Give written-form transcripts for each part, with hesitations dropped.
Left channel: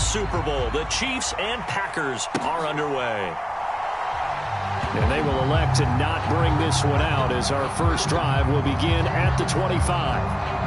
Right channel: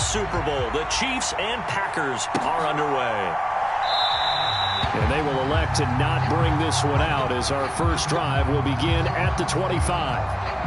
third Super Bowl. The Chiefs and Packers are underway. And they will elect to not bring this one out as our first drive will begin at the 25.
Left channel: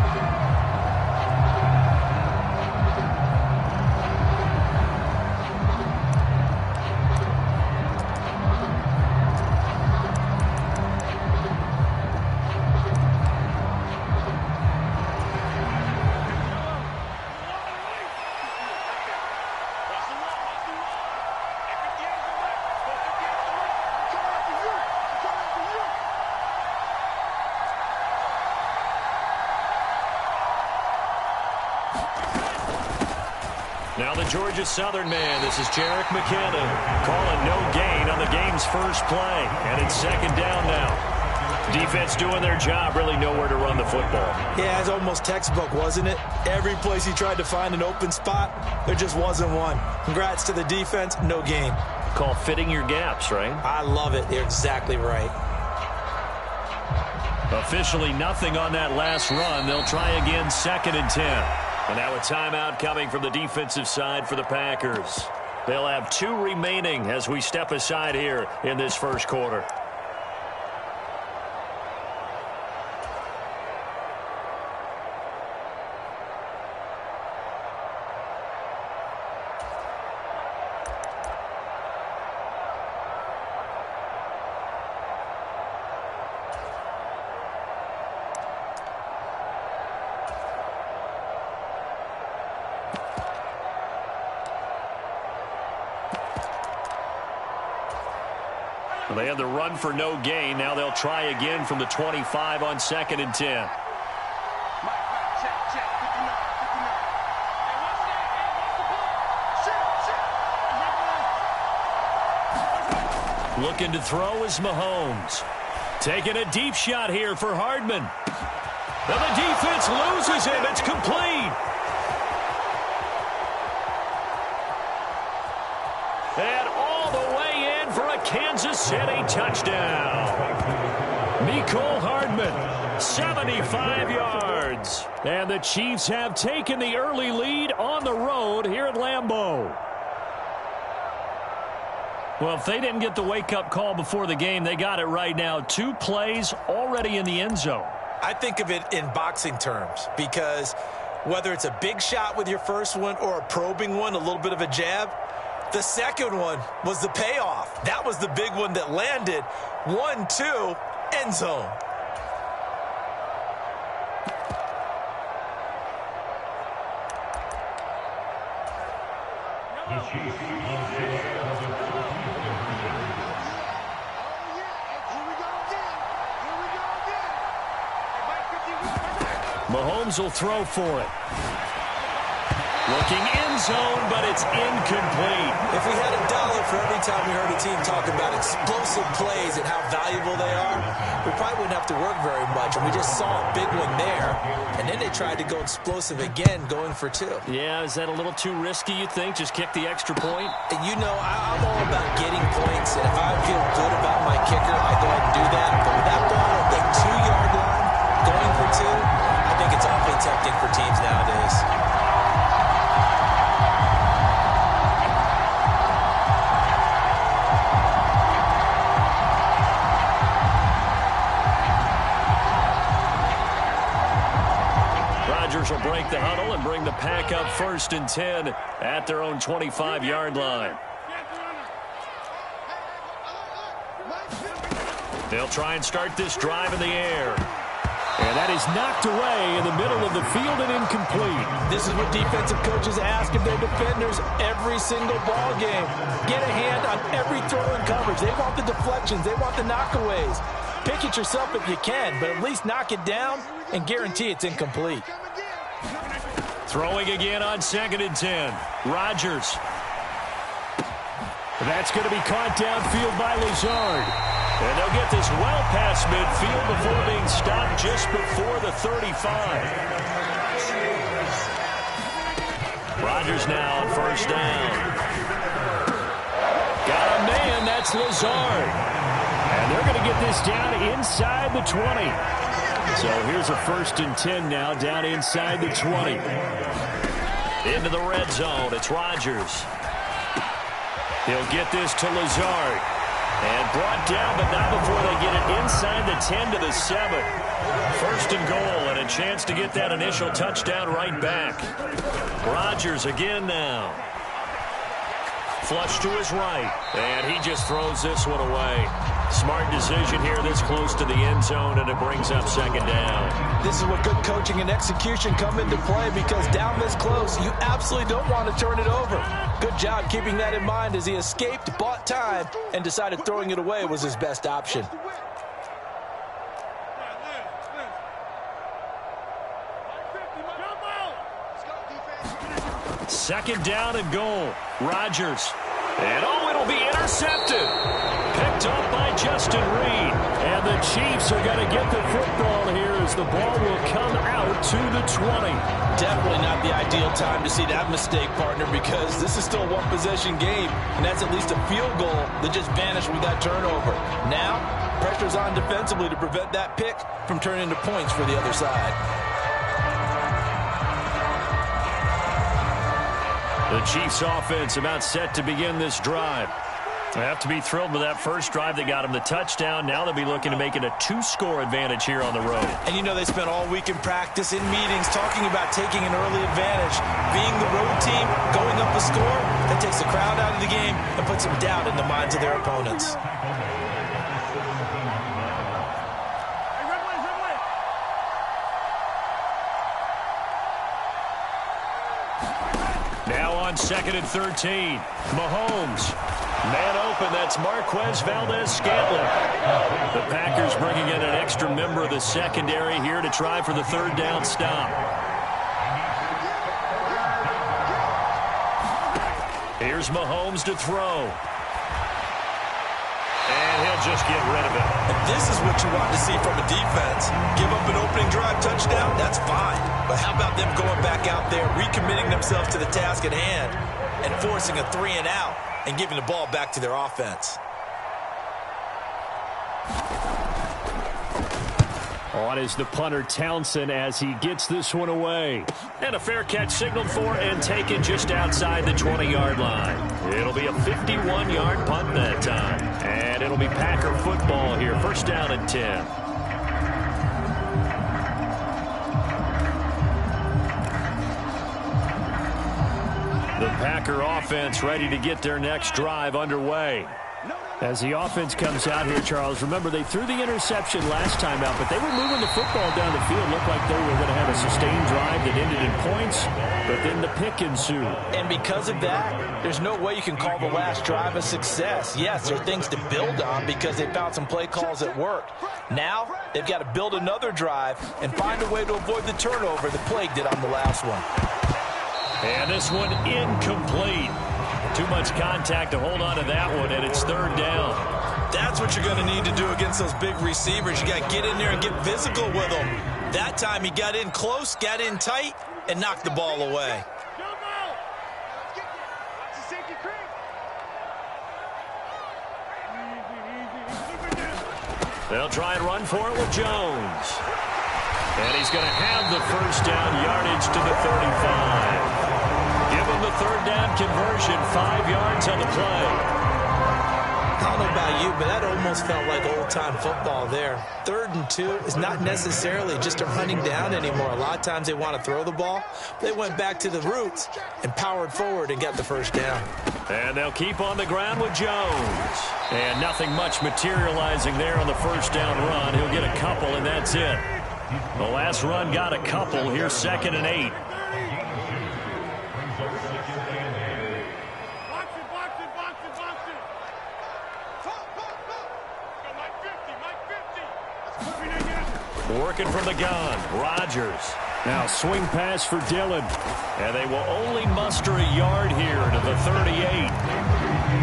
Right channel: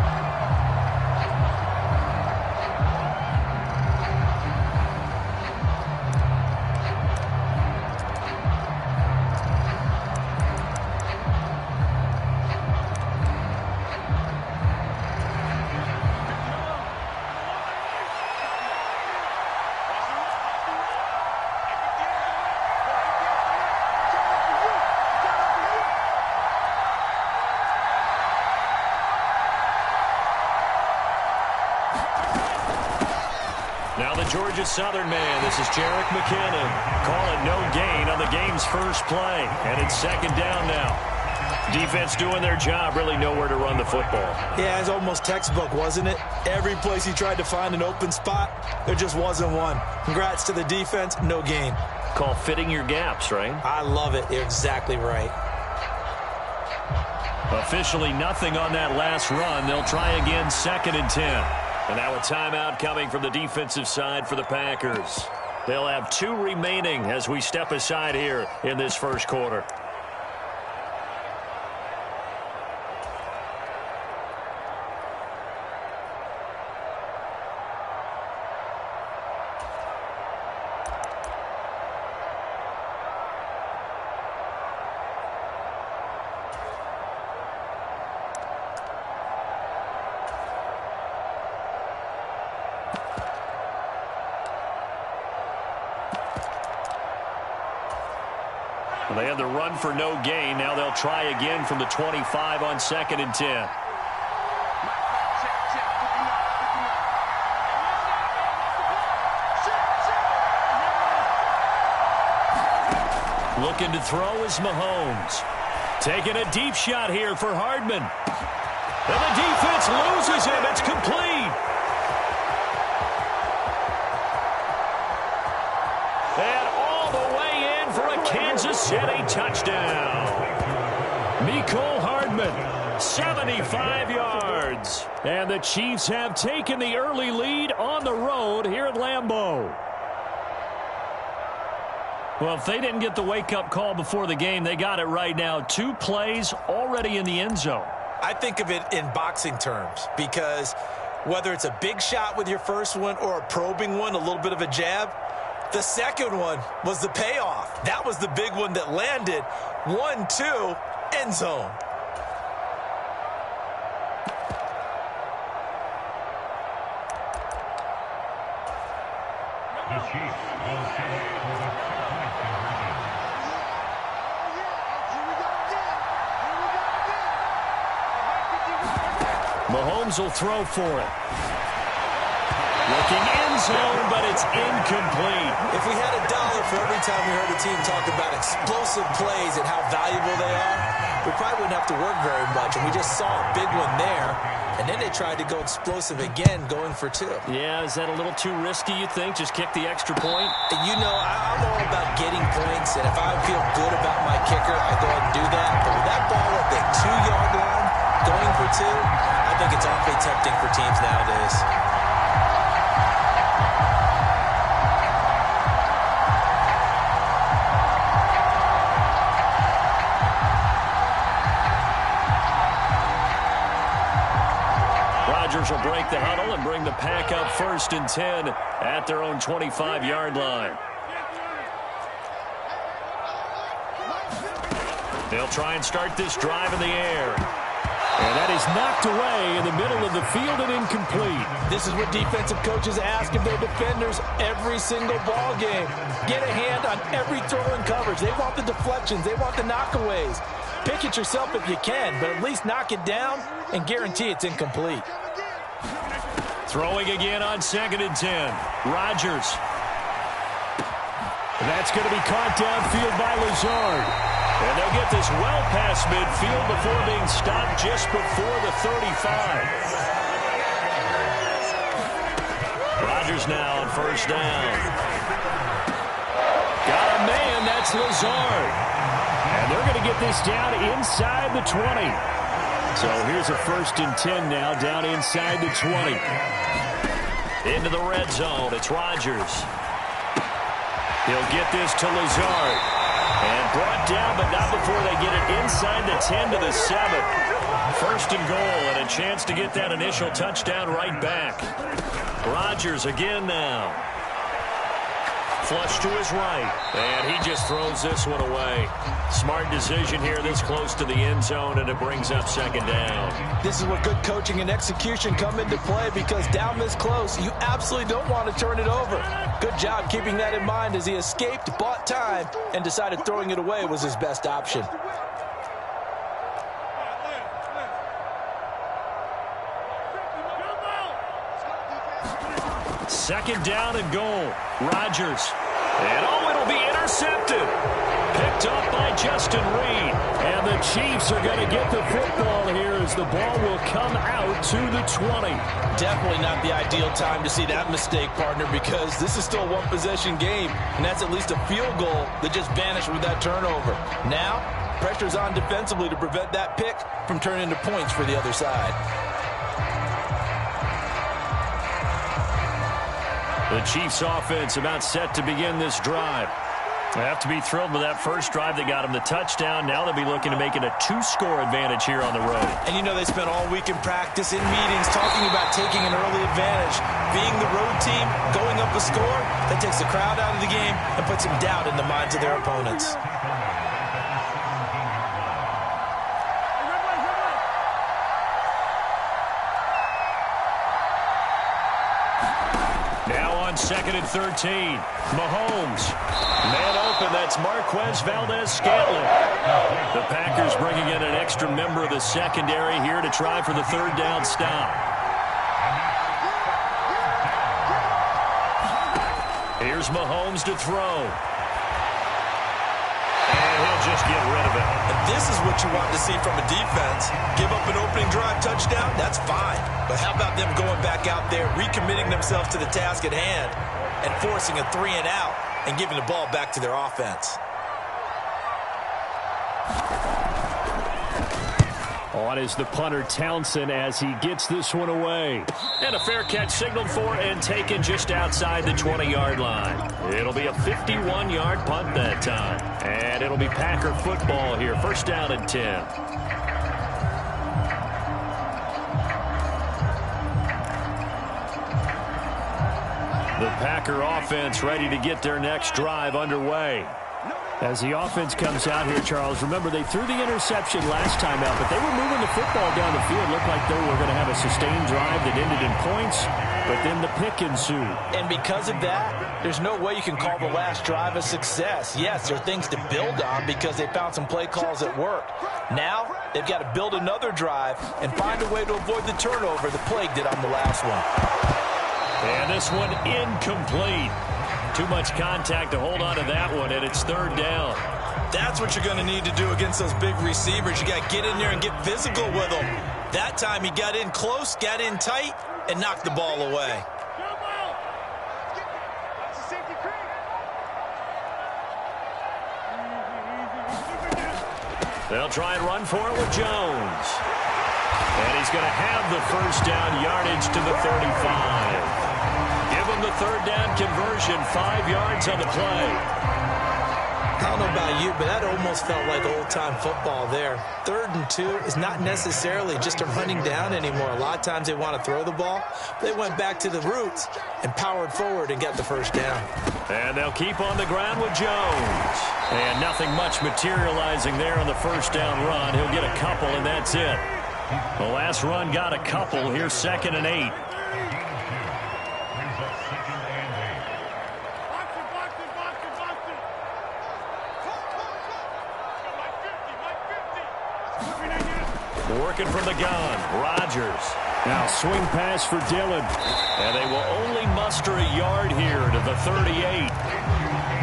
Now the Georgia Southern man, this is Jerick McKinnon, calling no gain on the game's first play. And it's second down now. Defense doing their job, really nowhere to run the football. Yeah, it's almost textbook, wasn't it? Every place he tried to find an open spot, there just wasn't one. Congrats to the defense, no gain. Call fitting your gaps, right? I love it. You're exactly right. Officially nothing on that last run. They'll try again, 2nd and 10. And now a timeout coming from the defensive side for the Packers. They'll have 2 remaining as we step aside here in this first quarter. They had the run for no gain. Now they'll try again from the 25 on 2nd and 10. Looking to throw is Mahomes. Taking a deep shot here for Hardman. And the defense loses him. It's complete. And all the way in for a Kansas City touchdown. Mecole Hardman, 75 yards. And the Chiefs have taken the early lead on the road here at Lambeau. Well, if they didn't get the wake-up call before the game, they got it right now. 2 plays already in the end zone. I think of it in boxing terms because whether it's a big shot with your first one or a probing one, a little bit of a jab, the second one was the payoff. That was the big one that landed. 1-2, end zone. The Chiefs will set for the two-point conversion. Mahomes will throw for it. Looking end zone, but it's incomplete. If we had $1 for every time we heard a team talk about explosive plays and how valuable they are, we probably wouldn't have to work very much. And we just saw a big one there. And then they tried to go explosive again, going for 2. Yeah, is that a little too risky, you think? Just kick the extra point? You know, I'm all about getting points. And if I feel good about my kicker, I go ahead and do that. But with that ball at the 2-yard line, going for 2, I think it's awfully tempting for teams nowadays. Rodgers will break the huddle and bring the Pack up 1st and 10 at their own 25-yard line. They'll try and start this drive in the air. And that is knocked away in the middle of the field and incomplete. This is what defensive coaches ask of their defenders every single ball game. Get a hand on every throw and coverage. They want the deflections. They want the knockaways. Pick it yourself if you can, but at least knock it down and guarantee it's incomplete. Throwing again on 2nd and 10. Rodgers. That's going to be caught downfield by Lazard. And they'll get this well past midfield before being stopped just before the 35. Rodgers now on 1st down. Got a man, that's Lazard. And they're going to get this down inside the 20. So here's a 1st and 10 now down inside the 20. Into the red zone, it's Rodgers. He'll get this to Lazard. And brought down, but not before they get it inside the 10 to the 7. First and goal, and a chance to get that initial touchdown right back. Rodgers again now. Flush to his right, and he just throws this one away. Smart decision here this close to the end zone, and it brings up second down. This is where good coaching and execution come into play, because down this close, you absolutely don't want to turn it over. Good job keeping that in mind as he escaped, bought time, and decided throwing it away was his best option. Second down and goal. Rodgers. And it'll be intercepted. Picked up by Justin Reed. And the Chiefs are going to get the football here as the ball will come out to the 20. Definitely not the ideal time to see that mistake, partner, because this is still a one-possession game, and that's at least a field goal that just vanished with that turnover. Now, pressure's on defensively to prevent that pick from turning into points for the other side. The Chiefs offense about set to begin this drive. They have to be thrilled with that first drive that got them the touchdown. Now they'll be looking to make it a 2-score advantage here on the road. And you know they spent all week in practice, in meetings, talking about taking an early advantage. Being the road team, going up a score, that takes the crowd out of the game and puts some doubt in the minds of their opponents. Now on 2nd and 13. Mahomes. Man open, that's Marquez Valdez-Scantling. The Packers bringing in an extra member of the secondary here to try for the third down stop. Here's Mahomes to throw. And he'll just get rid of it. And this is what you want to see from a defense. Give up an opening drive touchdown, that's fine. But how about them going back out there, recommitting themselves to the task at hand, and forcing a 3-and-out and giving the ball back to their offense. On is the punter Townsend as he gets this one away. And a fair catch signaled for and taken just outside the 20-yard line. It'll be a 51-yard punt that time. And it'll be Packer football here. First down and 10. The Packer offense ready to get their next drive underway. As the offense comes out here, Charles, remember they threw the interception last time out, but they were moving the football down the field. Looked like they were going to have a sustained drive that ended in points, but then the pick ensued. And because of that, there's no way you can call the last drive a success. Yes, there are things to build on because they found some play calls that worked. Now, they've got to build another drive and find a way to avoid the turnover that plagued it on the last one. And this one incomplete. Too much contact to hold on to that one, and it's third down. That's what you're going to need to do against those big receivers. You got to get in there and get physical with them. That time he got in close, got in tight, and knocked the ball away. They'll try and run for it with Jones. And he's going to have the first down, yardage to the 35. Give him the third down conversion, 5 yards on the play. I don't know about you, but that almost felt like old-time football there. 3rd and 2 is not necessarily just a running down anymore. A lot of times they want to throw the ball. They went back to the roots and powered forward and got the first down. And they'll keep on the ground with Jones. And nothing much materializing there on the first down run. He'll get a couple, and that's it. The last run got a couple. Here's 2nd and 8. Working from the gun, Rodgers. Now swing pass for Dillon. And they will only muster a yard here to the 38.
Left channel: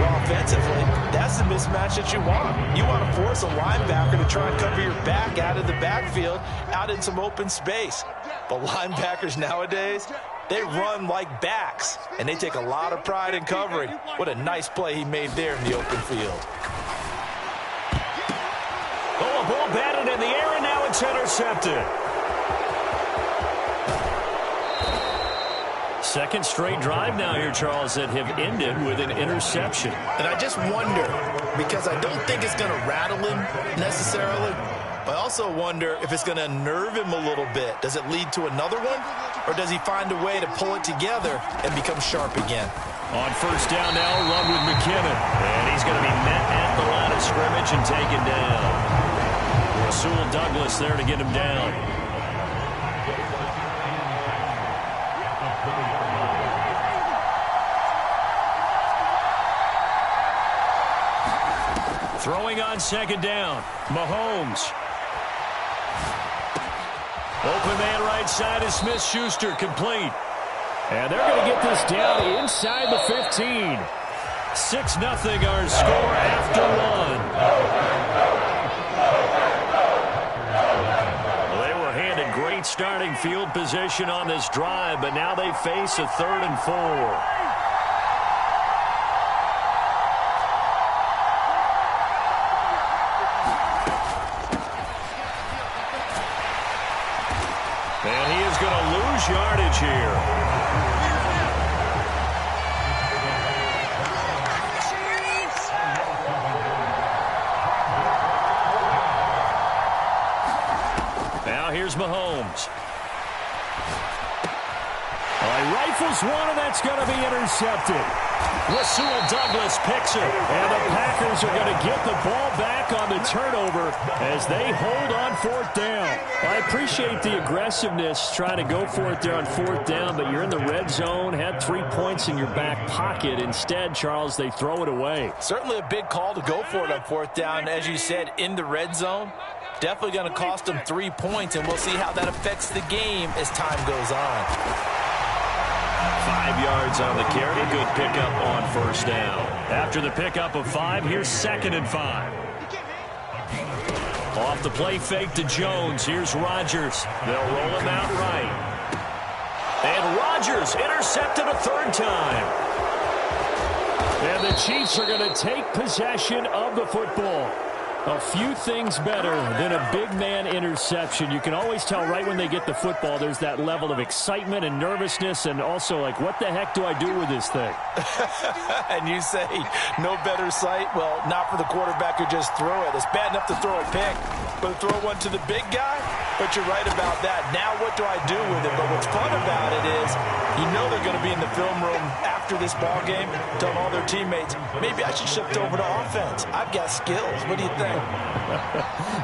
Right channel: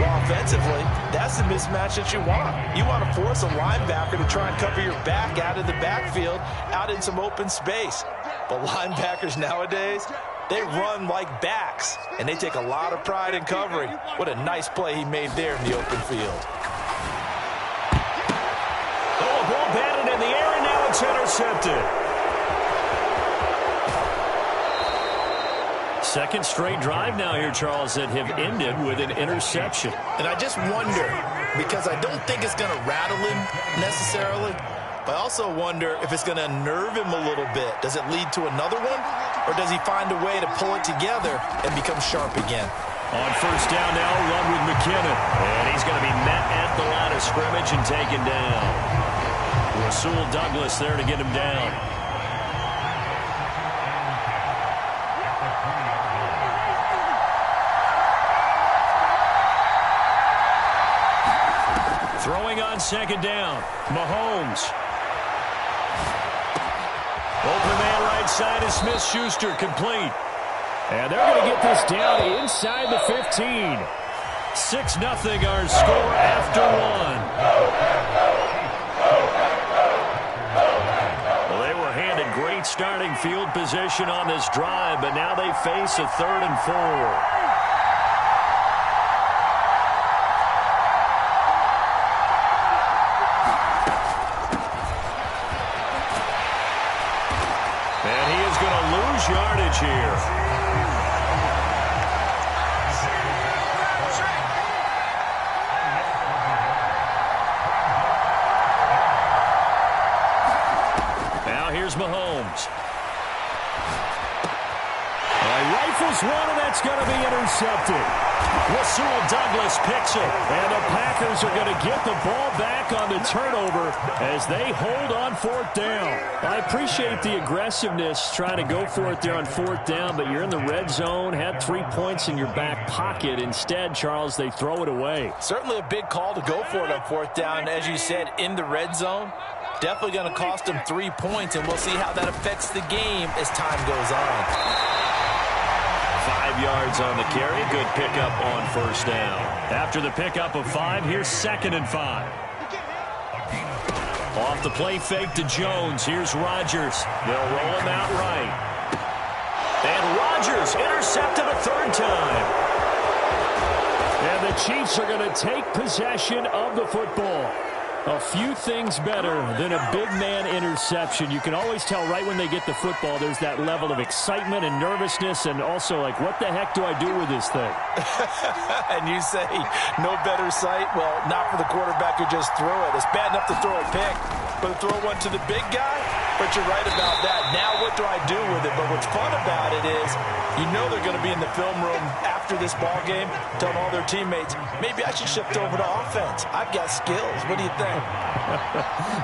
Well, offensively, that's the mismatch that you want. You want to force a linebacker to try and cover your back out of the backfield, out in some open space. But linebackers nowadays, they run like backs, and they take a lot of pride in covering. What a nice play he made there in the open field. Oh, a ball batted in the air, and now it's intercepted. Second straight drive now here, Charles, that have ended with an interception. And I just wonder, because I don't think it's going to rattle him necessarily, but I also wonder if it's going to unnerve him a little bit. Does it lead to another one, or does he find a way to pull it together and become sharp again? On first down now, run with McKinnon. And he's going to be met at the line of scrimmage and taken down. Rasul Douglas there to get him down. Throwing on second down, Mahomes. Open man right side is Smith-Schuster, complete. And they're going to get this down inside the 15. 6-0 our score after one. Well, they were handed great starting field position on this drive, but now they face a 3rd and 4. And he is going to lose yardage here. Now here's Mahomes. He rifles one, and that's going to be intercepted. Rasul Douglas picks it, and the Packers are going to get the ball back on the turnover as they hold on 4th down. I appreciate the aggressiveness trying to go for it there on 4th down, but you're in the red zone, had 3 points in your back pocket. Instead, Charles, they throw it away. Certainly a big call to go for it on 4th down. As you said, in the red zone, definitely going to cost them 3 points, and we'll see how that affects the game as time goes on. 5 yards on the carry. Good pickup on first down. After the pickup of 5, here's 2nd and 5. Off the play fake to Jones. Here's Rodgers. They'll roll him out right. And Rodgers intercepted a 3rd time. And the Chiefs are going to take possession of the football. A few things better than a big man interception. You can always tell right when they get the football, there's that level of excitement and nervousness, and also like, what the heck do I do with this thing? And you say no better sight? Well, not for the quarterback who just threw it. It's bad enough to throw a pick, but to throw one to the big guy? But you're right about that. Now what do I do with it? But what's fun about it is you know they're going to be in the film room after this ball game telling all their teammates, maybe I should shift over to offense. I've got skills. What do you think?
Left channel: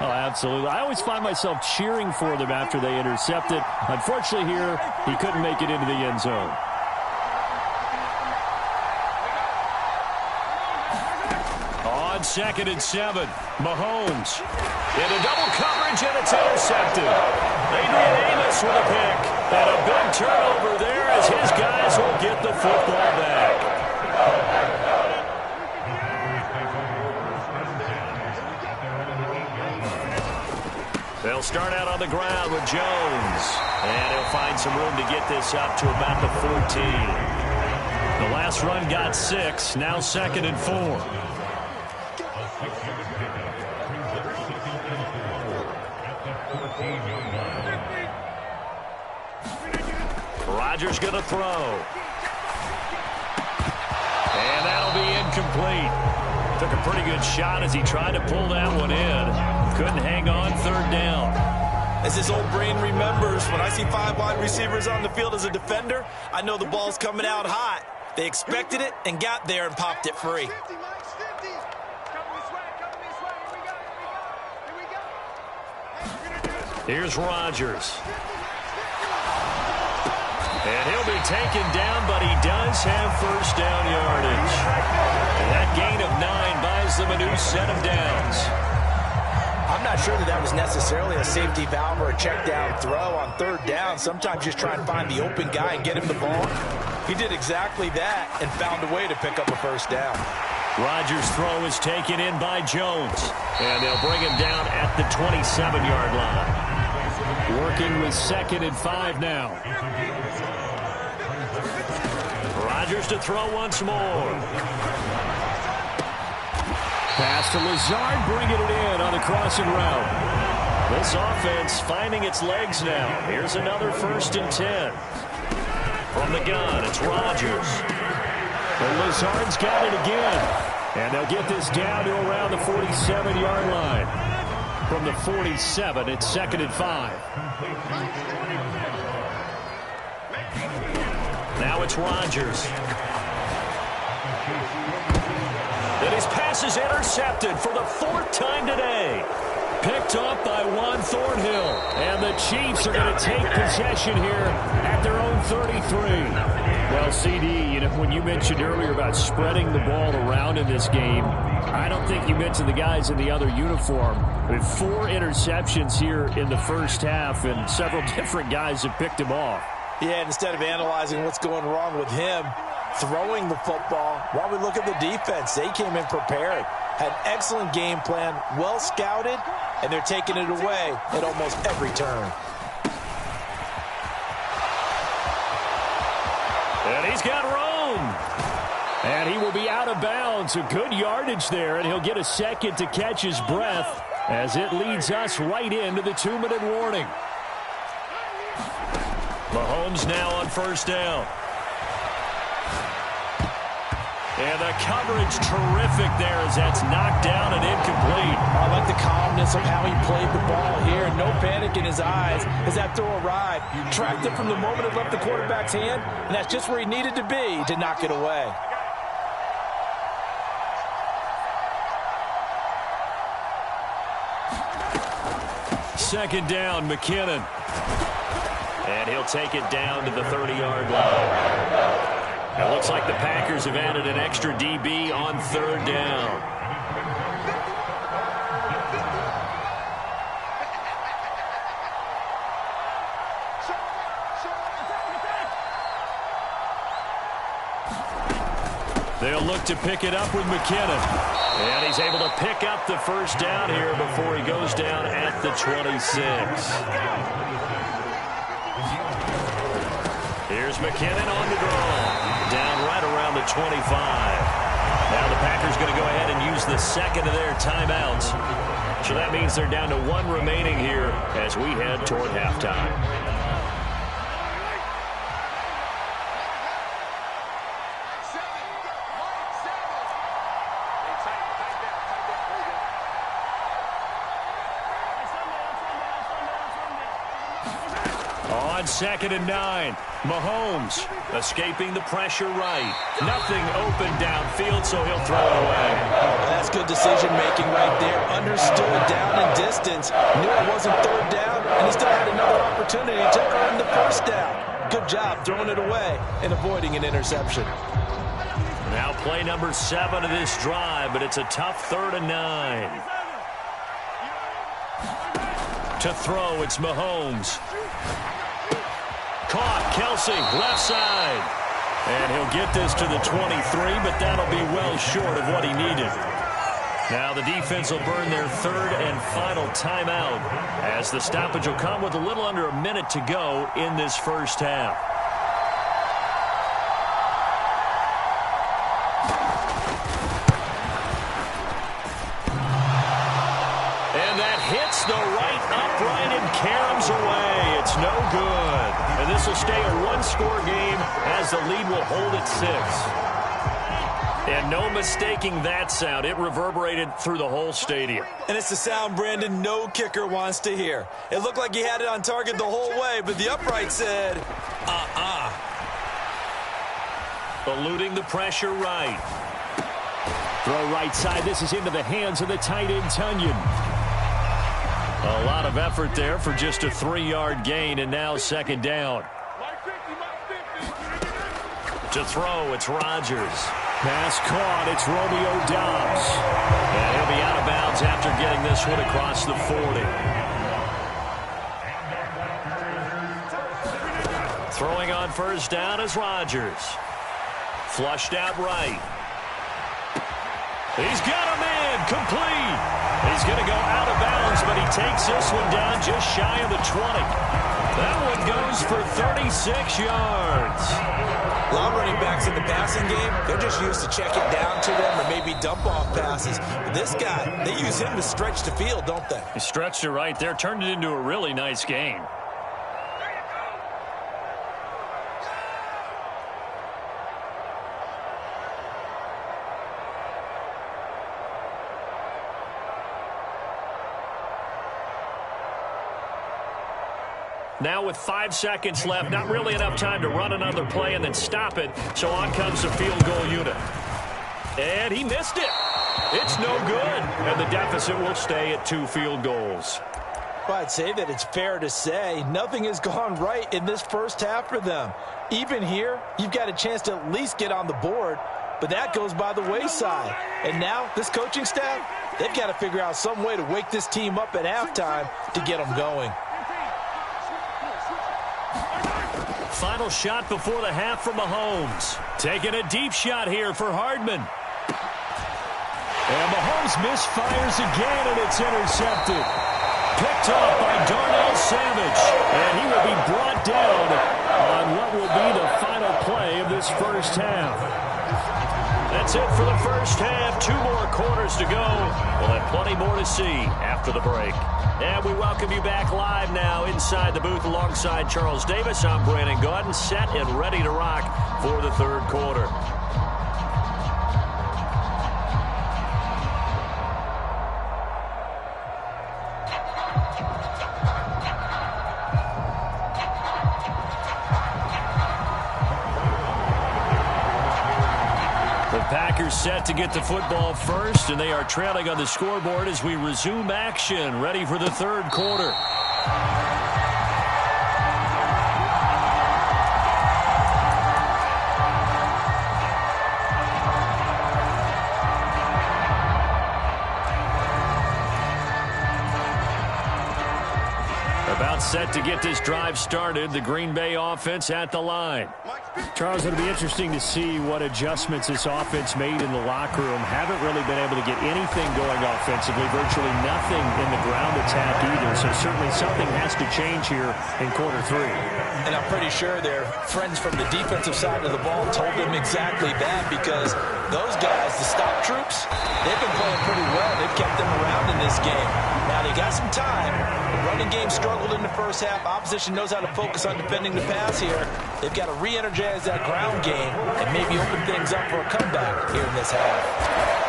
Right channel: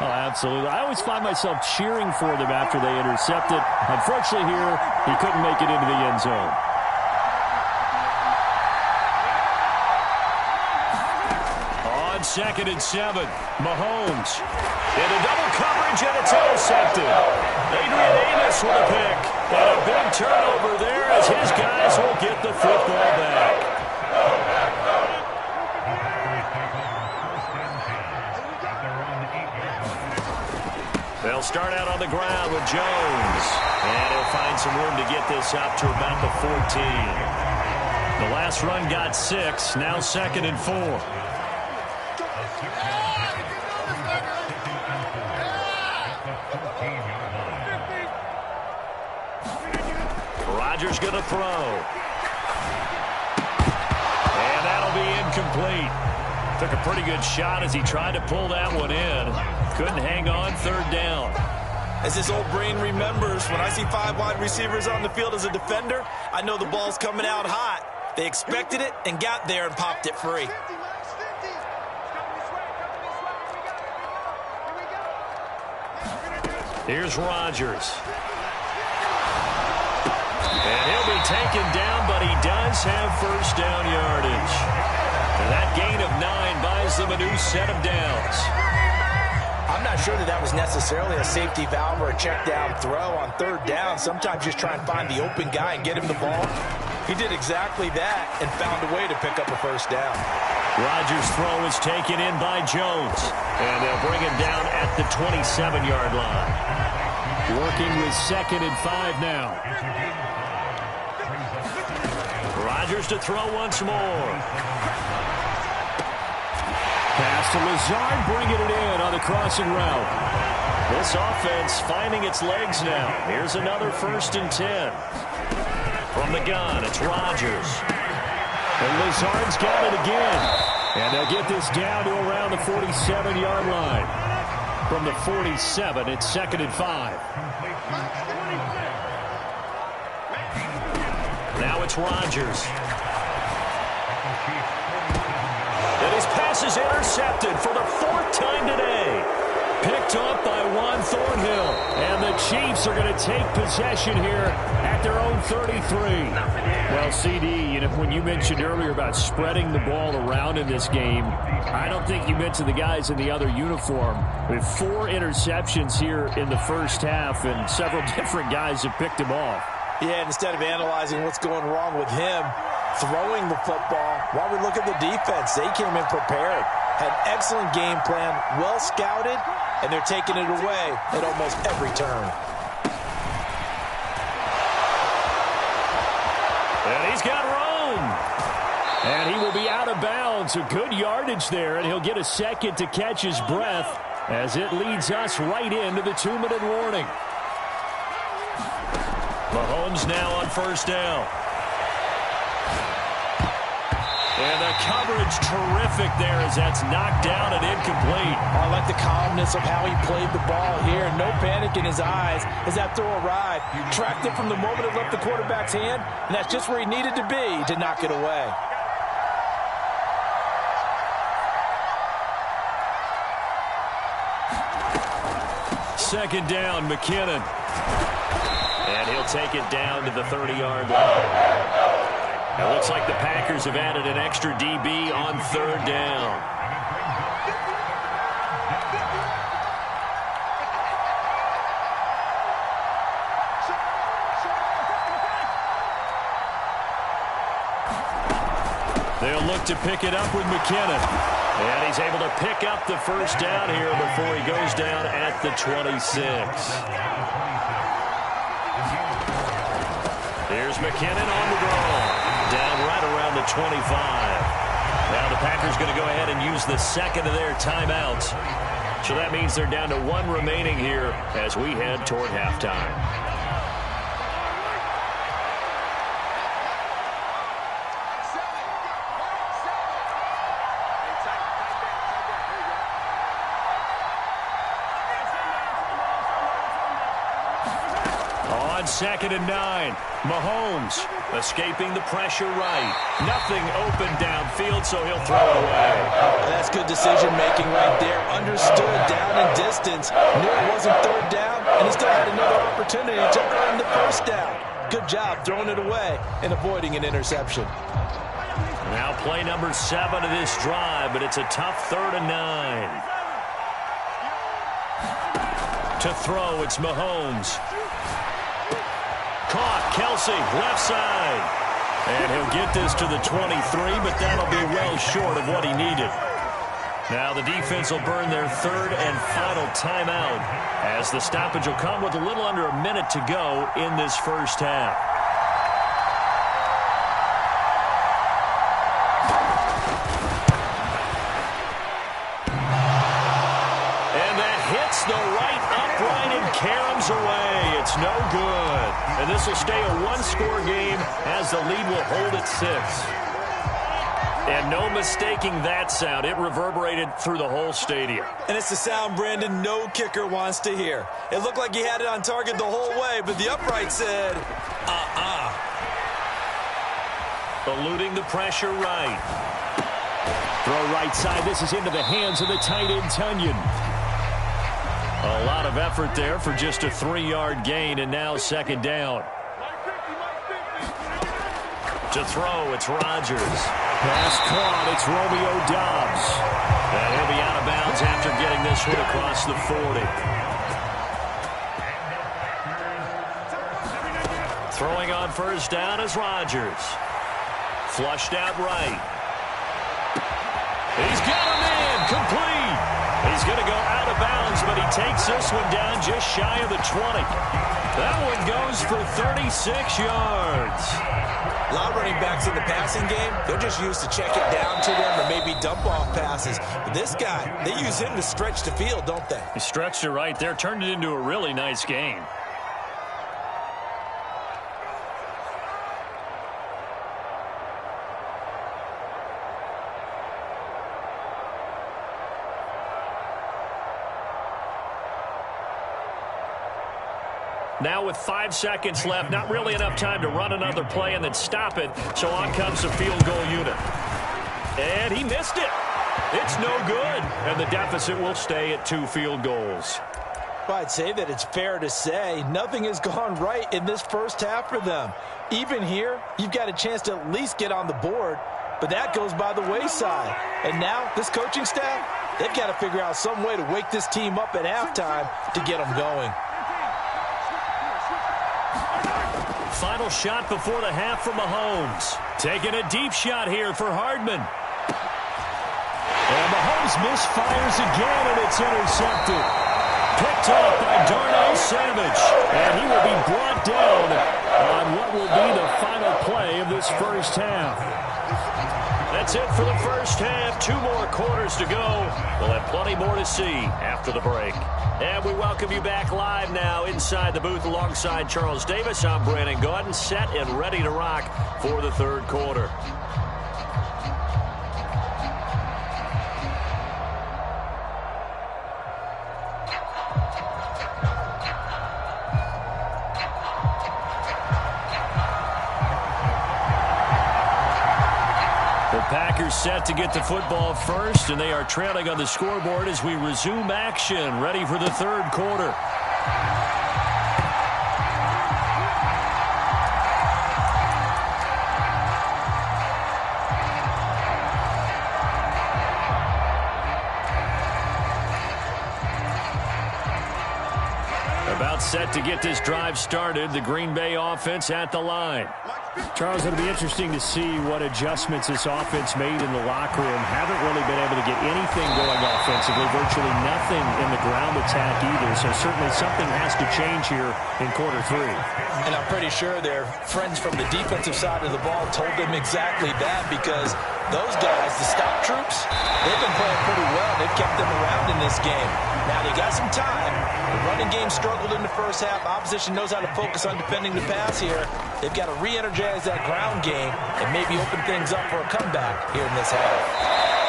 Oh, absolutely. I always find myself cheering for them after they intercept it. Unfortunately here, he couldn't make it into the end zone. On 2nd and 7, Mahomes. Into double coverage, and it's intercepted. Adrian Amos with a pick. And a big turnover there as his guys will get the football back. They'll start out on the ground with Jones. And he'll find some room to get this up to about the 14. The last run got 6. Now 2nd and 4. Rodgers going to throw. And that'll be incomplete. Took a pretty good shot as he tried to pull that one in. Couldn't hang on 3rd down. As his old brain remembers, when I see 5 wide receivers on the field as a defender, I know the ball's coming out hot. They expected it and got there and popped it free. Here's Rodgers. And he'll be taken down, but he does have first down yardage. And that gain of 9 buys them a new set of downs. I'm not sure that was necessarily a safety valve or a check down throw on 3rd down. Sometimes just try and find the open guy and get him the ball. He did exactly that and found a way to pick up a first down. Rodgers' throw is taken in by Jones. And they'll bring him down at the 27-yard line. Working with 2nd and 5 now. Rodgers to throw once more. Pass to Lazard, bringing it in on the crossing route. This offense finding its legs now. Here's another 1st and 10. From the gun, it's Rodgers. And Lazard's got it again. And they'll get this down to around the 47-yard line. From the 47, it's 2nd and 5. Now it's Rodgers. And his pass is intercepted for the 4th time today. Picked up by Juan Thornhill. And the Chiefs are going to take possession here at their own 33. Well, CD, you know, when you mentioned earlier about spreading the ball around in this game, I don't think you mentioned the guys in the other uniform. With 4 interceptions here in the first half, and several different guys have picked him off. Yeah, instead of analyzing what's going wrong with him throwing the football, while we look at the defense, they came in prepared. Had an excellent game plan, well scouted, and they're taking it away at almost every turn. And he's got room. And he will be out of bounds. A good yardage there, and he'll get a second to catch his breath as it leads us right into the 2-minute warning. Mahomes now on 1st down. And the coverage terrific there as that's knocked down and incomplete. I like the calmness of how he played the ball here. No panic in his eyes as that throw arrived. Tracked it from the moment it left the quarterback's hand, and that's just where he needed to be to knock it away. Second down, McKinnon. And he'll take it down to the 30-yard line. It looks like the Packers have added an extra DB on 3rd down. They'll look to pick it up with McKinnon. And he's able to pick up the 1st down here before he goes down at the 26. Here's McKinnon on the draw. Down right around the 25. Now the Packers going to go ahead and use the 2nd of their timeouts. So that means they're down to 1 remaining here as we head toward halftime. On 2nd and 9, Mahomes escaping the pressure right. Nothing open downfield, so he'll throw it away. That's good decision-making right there. Understood down in distance. Knew it wasn't 3rd down, and he still had another opportunity to earn the 1st down. Good job throwing it away and avoiding an interception. Now play number 7 of this drive, but it's a tough 3rd and 9. To throw, it's Mahomes. Caught, Kelsey, left side. And he'll get this to the 23, but that'll be well short of what he needed. Now the defense will burn their 3rd and final timeout as the stoppage will come with a little under a minute to go in this first half. And that hits the right upright and caroms away. It's no good. And this will stay a 1-score game as the lead will hold at 6. And no mistaking that sound. It reverberated through the whole stadium. And it's the sound, Brandon, no kicker wants to hear. It looked like he had it on target the whole way, but the upright said, Eluding the pressure right. Throw right side. This is into the hands of the tight end, Tunyon. A lot of effort there for just a 3-yard gain, and now 2nd down. To throw, it's Rodgers. Pass caught, it's Romeo Doubs. And he'll be out of bounds after getting this one across the 40. Throwing on 1st down is Rodgers. Flushed out right. He's got him in, complete. He's going to go out of bounds, but he takes this one down just shy of the 20. That one goes for 36 yards. A lot of running backs in the passing game, they're just used to check it down to them or maybe dump off passes. But this guy, they use him to stretch the field, don't they? He stretched it right there, turned it into a really nice game. Now with 5 seconds left, not really enough time to run another play and then stop it. So on comes the field goal unit. And he missed it. It's no good. And the deficit will stay at 2 field goals. Well, I'd say that it's fair to say nothing has gone right in this first half for them. Even here, you've got a chance to at least get on the board, but that goes by the wayside. And now, this coaching staff, they've got to figure out some way to wake this team up at halftime to get them going. Final shot before the half from Mahomes. Taking a deep shot here for Hardman. And Mahomes misfires again, and it's intercepted. Picked off by Darnell Savage. And he will be brought down on what will be the final play of this first half. That's it for the first half. 2 more quarters to go. We'll have plenty more to see after the break. And we welcome you back live now inside the booth alongside Charles Davis. I'm Brandon Gaudin, set and ready to rock for the third quarter. The Packers set to get the football first, and they are trailing on the scoreboard as we resume action, ready for the third quarter. About set to get this drive started, the Green Bay offense at the line. Charles, it'll be interesting to see what adjustments this offense made in the locker room. Haven't really been able to get anything going offensively, virtually nothing in the ground attack either. So certainly something has to change here in quarter 3. And I'm pretty sure their friends from the defensive side of the ball told them exactly that, because those guys, the stop troops, they've been playing pretty well. They've kept them around in this game. Now they got some time. The running game struggled in the first half. Opposition knows how to focus on defending the pass here. They've got to re-energize that ground game and maybe open things up for a comeback here in this half.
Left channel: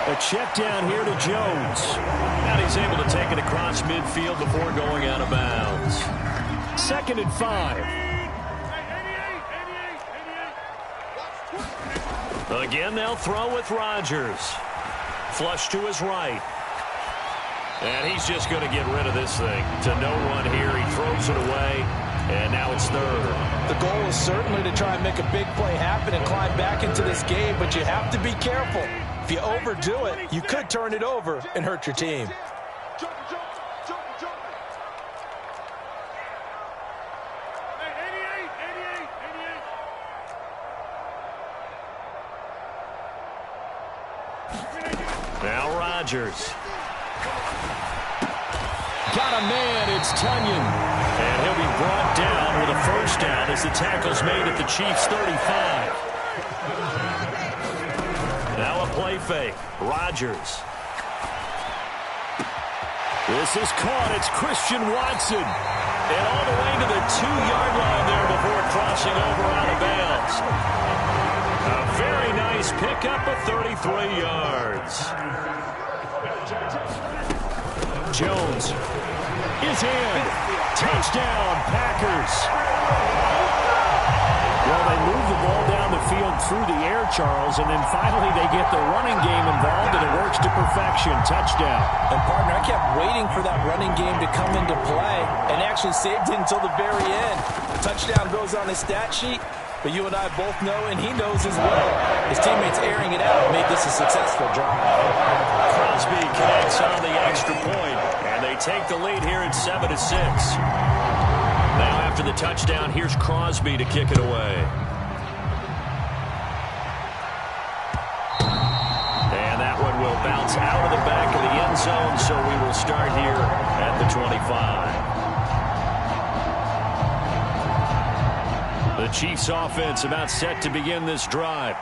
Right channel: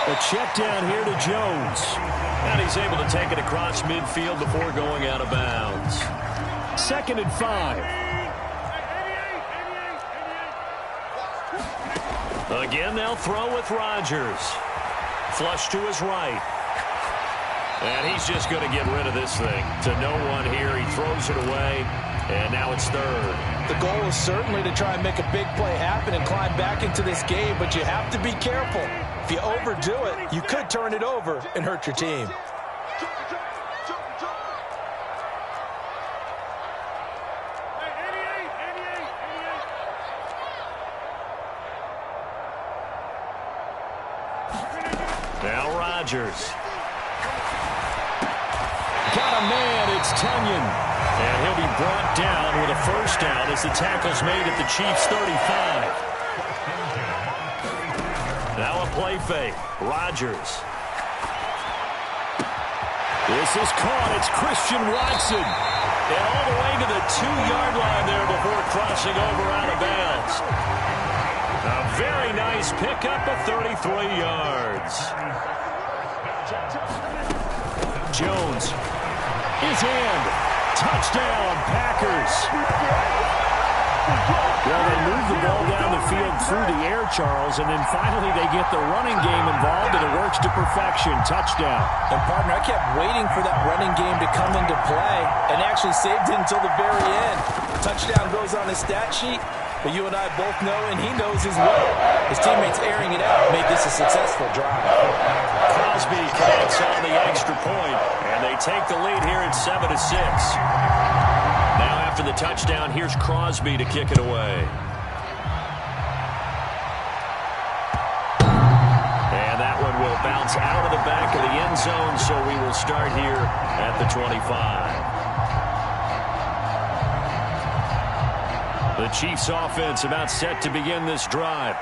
A check down here to Jones. And he's able to take it across midfield before going out of bounds. 2nd and 5. Again, they'll throw with Rodgers. Flush to his right. And he's just going to get rid of this thing. To no one here. He throws it away. And now it's 3rd. The goal is certainly to try and make a big play happen and climb back into this game, but you have to be careful. If you overdo it, you could turn it over and hurt your team. Now Rodgers. Got a man, it's Tunyon. And he'll be brought down with a first down as the tackle's made at the Chiefs' 35. Now a play fake. Rodgers. This is caught. It's Christian Watson. And all the way to the 2-yard line there before crossing over out of bounds. A very nice pickup of 33 yards. Jones is in. Touchdown, Packers. Well, they move the ball down the field through the air, Charles, and then finally they get the running game involved, and it works to perfection. Touchdown. And, partner, I kept waiting for that running game to come into play and actually saved it until the very end. Touchdown goes on his stat sheet, but you and I both know, and he knows as well, his teammates airing it out made this a successful drive. Crosby connects on the extra point, and they take the lead here at 7-6. Now after the touchdown, here's Crosby to kick it away. And that one will bounce out of the back of the end zone, so we will start here at the 25. The Chiefs offense about set to begin this drive.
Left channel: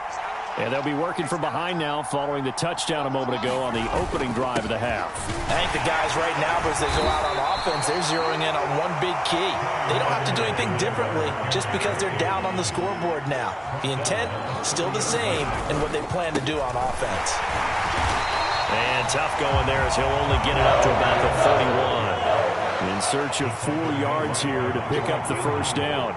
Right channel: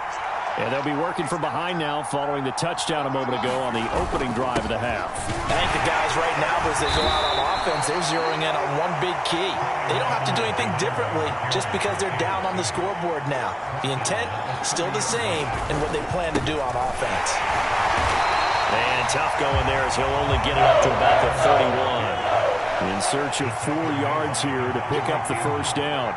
And they'll be working from behind now following the touchdown a moment ago on the opening drive of the half. I think the guys right now, as they go out on offense, they're zeroing in on one big key. They don't have to do anything differently just because they're down on the scoreboard now. The intent, still the same in what they plan to do on offense. And tough going there as he'll only get it up to about the 31. In search of 4 yards here to pick up the first down.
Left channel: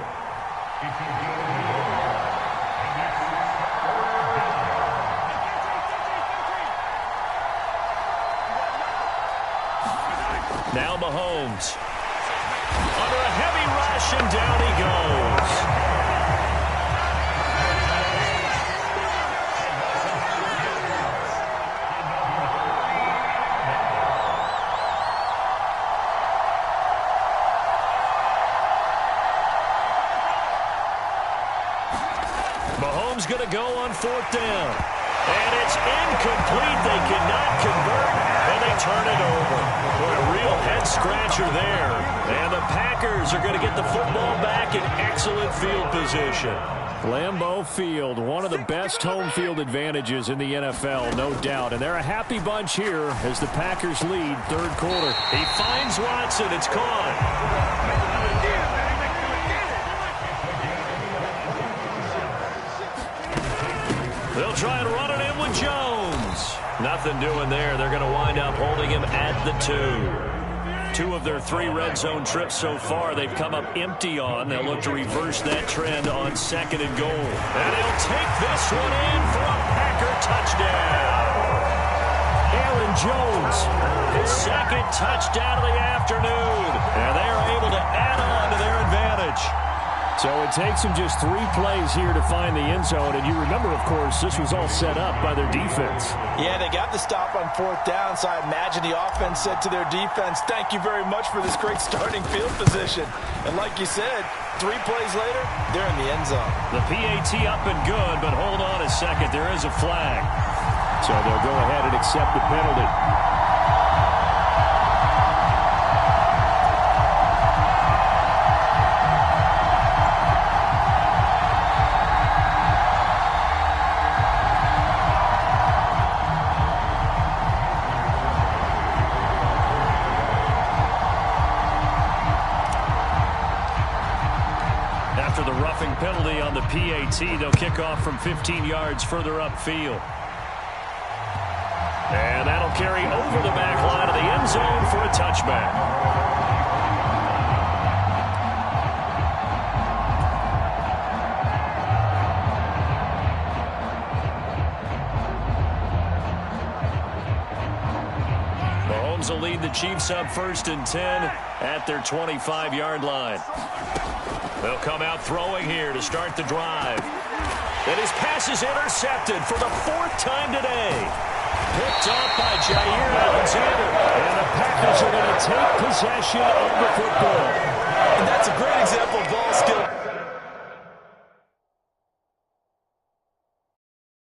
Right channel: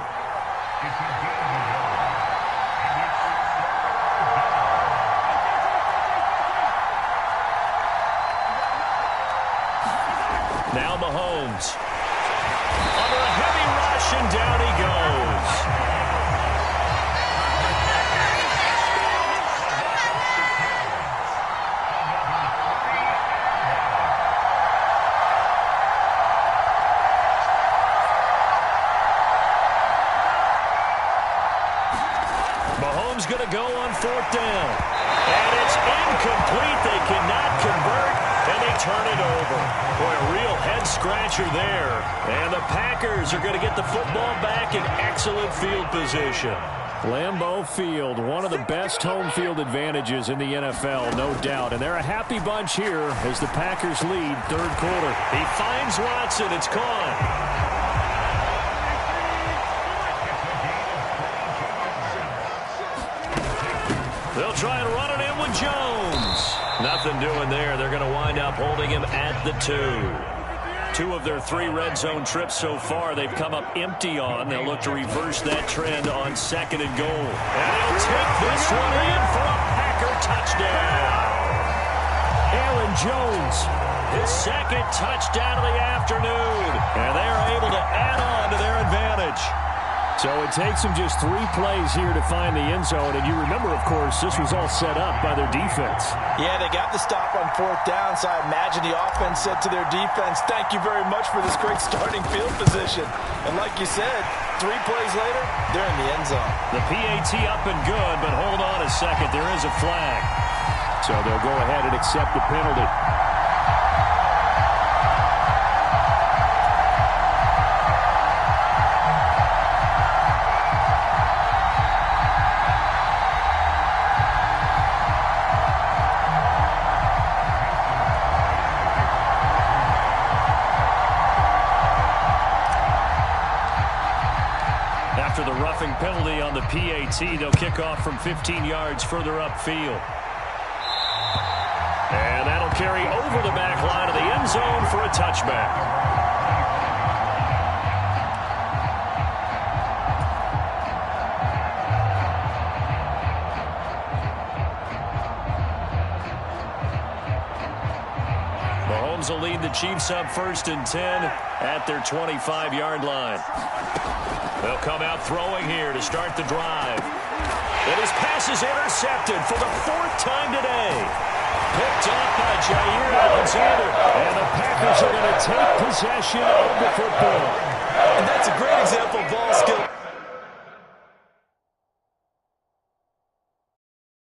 Now Mahomes. Under a heavy rush, and down he goes. Mahomes going to go on 4th down. And it's incomplete. They cannot convert, and they turn it over. Boy, a real head-scratcher there. And the Packers are going to get the football back in excellent field position. Lambeau Field, one of the best home field advantages in the NFL, no doubt. And they're a happy bunch here as the Packers lead 3rd quarter. He finds Watson. It's gone. They'll try and run it in with Jones. Nothing doing there. They're going to wind up holding him at the 2. 2 of their 3 red zone trips so far they've come up empty on. They'll look to reverse that trend on 2nd and goal. And he'll take this one in for a Packer touchdown. Aaron Jones, his 2nd touchdown of the afternoon. And they are able to add on to their advantage. So it takes them just 3 plays here to find the end zone. And you remember, of course, this was all set up by their defense. Yeah, they got the stop on 4th down, so I imagine the offense said to their defense, thank you very much for this great starting field position. And like you said, 3 plays later, they're in the end zone. The PAT up and good, but hold on a second. There is a flag. So they'll go ahead and accept the penalty. After the roughing penalty on the PAT, they'll kick off from 15 yards further upfield. And that'll carry over the back line of the end zone for a touchback. Mahomes will lead the Chiefs up 1st and 10 at their 25-yard line. They'll come out throwing here to start the drive. And his pass is intercepted for the 4th time today. Picked off by Jair Alexander. And the Packers are going to take possession of the football. And that's a great example of ball skill.